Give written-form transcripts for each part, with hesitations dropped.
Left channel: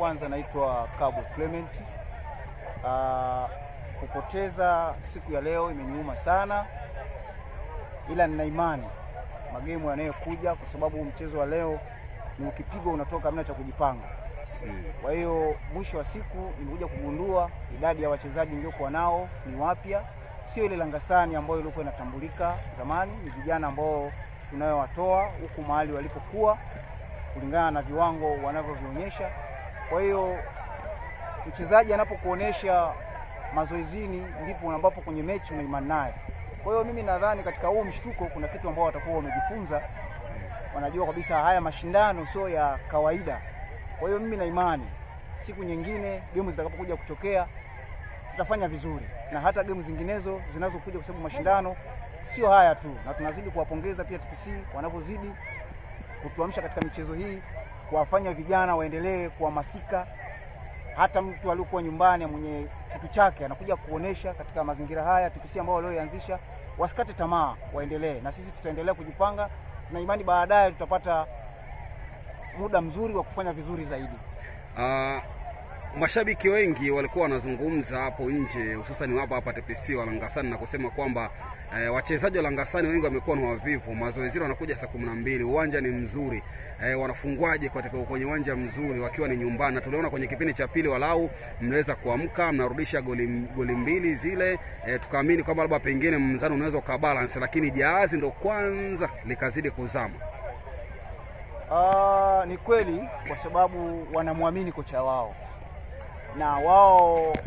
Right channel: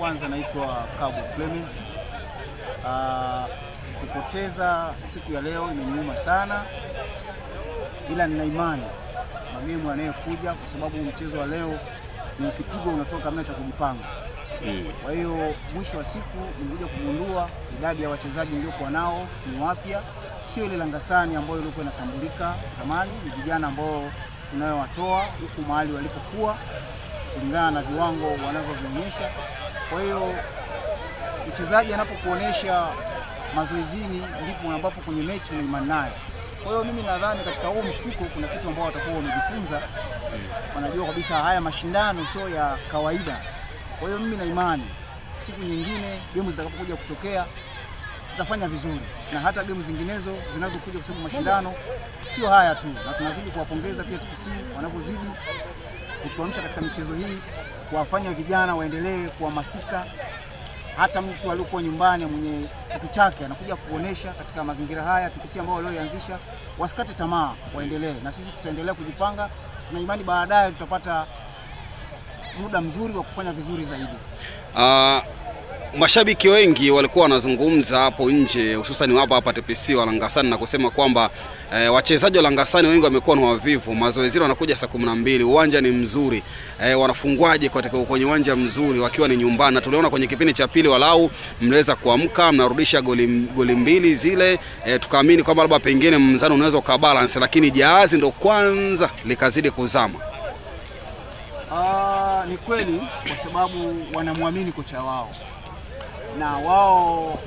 kwanza naitwa Kabu Clement. Kupoteza siku ya leo imeniuma sana, ila nina imani magemu yanayokuja, kwa sababu mchezo wa leo ni ukipigwa unatoka hamna cha kujipanga. Kwa hiyo mwisho wa siku nimekuja kugundua idadi ya wachezaji niliokuwa nao ni wapya, sio ile Langasani ambayo ilikuwa inatambulika zamani. Ni vijana ambao tunayowatoa huku mahali walipokuwa kulingana na viwango wanavyovionyesha. Kwa hiyo mchezaji anapokuonesha mazoezini ndipo ambapo kwenye mechi una imani naye. Kwa hiyo mimi nadhani katika huo mshtuko kuna kitu ambao watakuwa wamejifunza. Wanajua kabisa haya mashindano sio ya kawaida. Kwa hiyo mimi na imani siku nyingine game zitakapokuja kutokea tutafanya vizuri, na hata game zinginezo zinazokuja, kwa sababu mashindano sio haya tu, na tunazidi kuwapongeza pia TPC wanapozidi kutuamsha katika michezo hii, kuwafanya vijana waendelee kuhamasika. Hata mtu aliyokuwa nyumbani mwenye kitu chake anakuja kuonesha katika mazingira haya. TPC ambao walioanzisha wasikate tamaa, waendelee, na sisi tutaendelea kujipanga. Tuna imani baadaye tutapata muda mzuri wa kufanya vizuri zaidi. Mashabiki wengi walikuwa wanazungumza hapo nje, hususan hapa TPC wa Langasani, na kusema kwamba wachezaji wa Langasani wengi wamekuwa ni wavivu. Mazoezi wanakuja saa 12, uwanja ni mzuri, wanafungwaje kwenye uwanja mzuri wakiwa ni nyumbani? Na tuliona kwenye kipindi cha pili walau mliweza kuamka, mnarudisha goli mbili zile, tukaamini kwamba labda pengine mzano unaweza ukabalance, lakini jahazi ndo kwanza likazidi kuzama. Ni kweli, kwa sababu wanamwamini kocha wao, na wao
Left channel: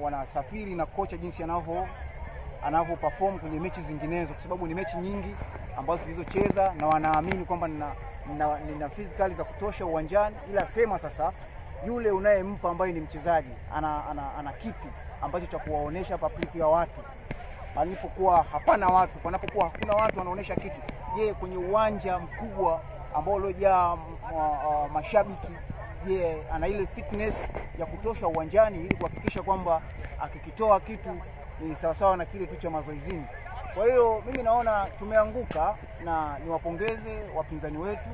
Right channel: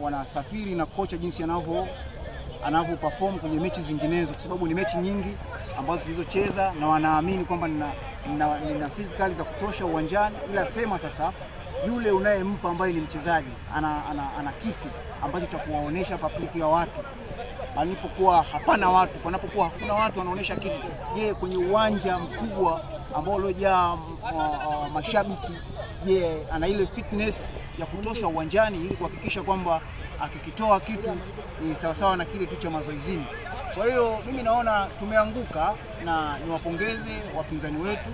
wanasafiri na kocha jinsi anavyo perform kwenye mechi zinginezo, kwa sababu ni mechi nyingi ambazo tulizocheza, na wanaamini kwamba nina physically za kutosha uwanjani. Ila sema sasa yule unayempa ambaye ni mchezaji ana kipi ambacho cha kuwaonesha public ya watu panapokuwa hapana watu, panapokuwa hakuna watu anaonesha kitu. Je, kwenye uwanja mkubwa ambao uliojaa mashabiki, je, ana ile fitness ya kutosha uwanjani ili kuhakikisha kwamba akikitoa kitu ni sawasawa na kile tu cha mazoezini? Kwa hiyo mimi naona tumeanguka, na niwapongeze wapinzani wetu,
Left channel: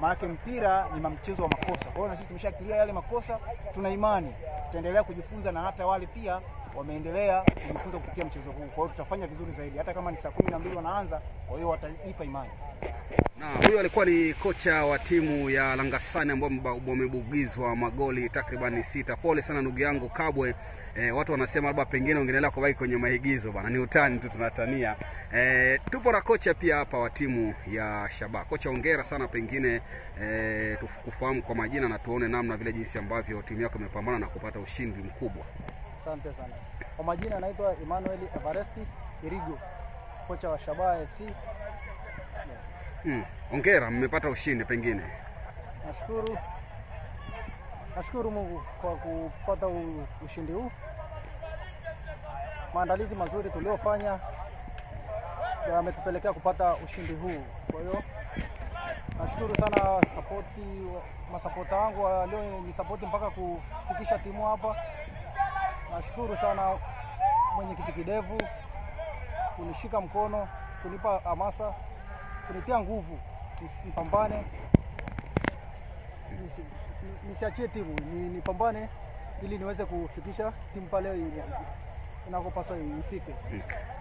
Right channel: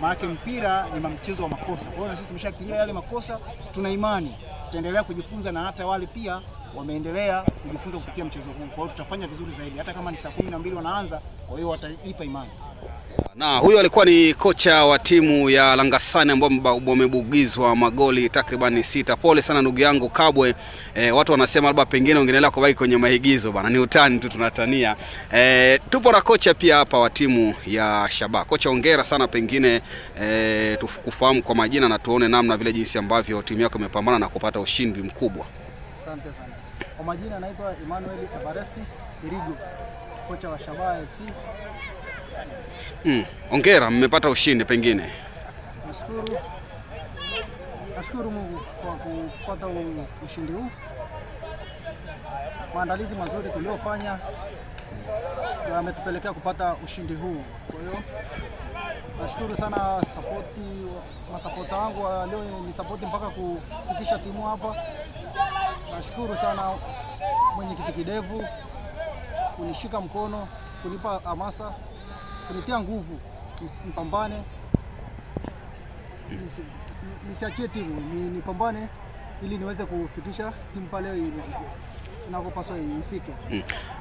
maana mpira ni mchezo wa makosa. Kwa hiyo na sisi tumeshakilia yale makosa, tuna imani tutaendelea kujifunza, na hata wale pia wameendelea kujifunza kupitia mchezo huu. Kwa hiyo tutafanya vizuri zaidi, hata kama ni saa 12 wanaanza, kwa hiyo wataipa imani. Na huyo alikuwa ni kocha wa timu ya Langasani ambao wamebugizwa magoli takriban 6. Pole sana ndugu yangu Kabwe. Watu wanasema labda pengine ungeendelea kubaki kwenye maigizo bana, ni utani tu, tunatania. Tupo na kocha pia hapa wa timu ya Shabaa. Kocha, hongera sana, pengine tukufahamu kwa majina na tuone namna vile jinsi ambavyo timu yako imepambana na kupata ushindi mkubwa. Asante sana. Kwa majina naitwa Emmanuel Evaresti Kirigo, kocha wa Shabaa FC. Hongera, mmepata ushindi pengine. Nashukuru Mungu kwa kupata ushindi huu. Maandalizi mazuri tuliofanya yametupelekea kupata ushindi huu. Kwa hiyo nashukuru sana masapota wangu leo ni support mpaka kufikisha timu hapa. Nashukuru sana mwenyekiti Kidevu kunishika mkono, kunipa hamasa, kunitia nguvu nipambane, nisiachie timu, nipambane ili niweze kufikisha timu pale inapopaswa ifike.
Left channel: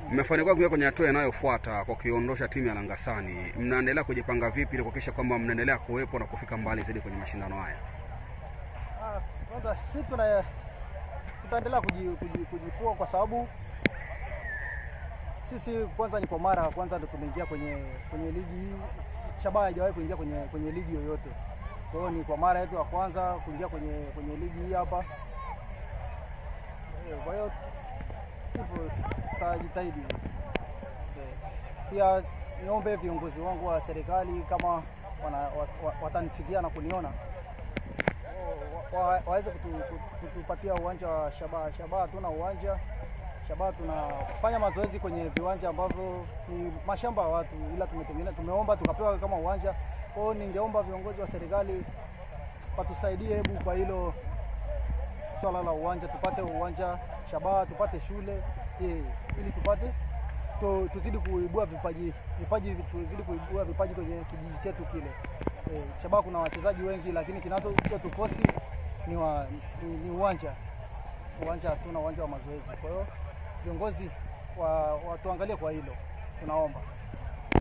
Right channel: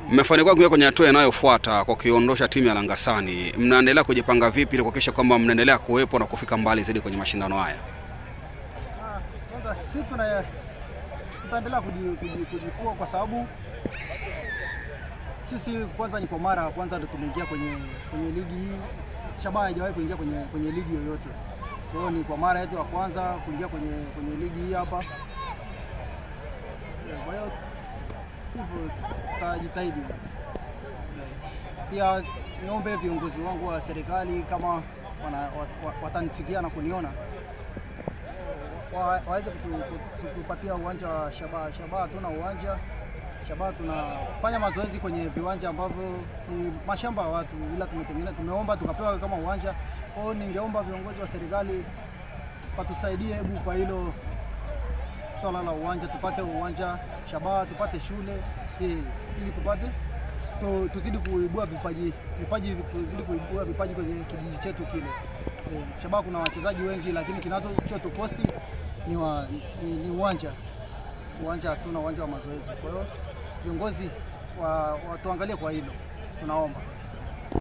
Mmefanikiwa kuingia kwenye hatua inayofuata kwa kuiondosha timu ya Langasani. Mnaendelea kujipanga vipi ili kuhakikisha kwamba mnaendelea kuwepo na kufika mbali zaidi kwenye mashindano haya? Kwanza sisi tutaendelea kujifua, kwa sababu sisi kwanza ni kwa mara kwanza ndio tumeingia kwenye ligi hii. Shabaa haijawahi kuingia kwenye ligi yoyote. Kwa hiyo ni kwa mara yetu ya kwanza kuingia kwenye ligi hii hapa. Kwa hiyo hivyo tutajitahidi. Pia niombe viongozi wangu wa serikali, kama watanisikia na kuniona, waweze kutupatia uwanja wa Shabaa. Shabaa hatuna uwanja. Shabaa tunafanya mazoezi kwenye viwanja ambavyo ni mashamba ya watu, ila tumeomba tukapewa kama uwanja. Kwa hiyo ningeomba viongozi wa serikali watusaidie hebu kwa hilo swala la uwanja, tupate uwanja Shabaa, tupate shule ili tupate tuzidi kuibua vipaji, tuzidi kuibua vipaji kwenye kijiji chetu kile. Shabaha kuna wachezaji wengi, lakini kinachotuposti ni uwanja. Uwanja hatuna uwanja wa mazoezi. Kwa hiyo viongozi watuangalie kwa hilo, tunaomba.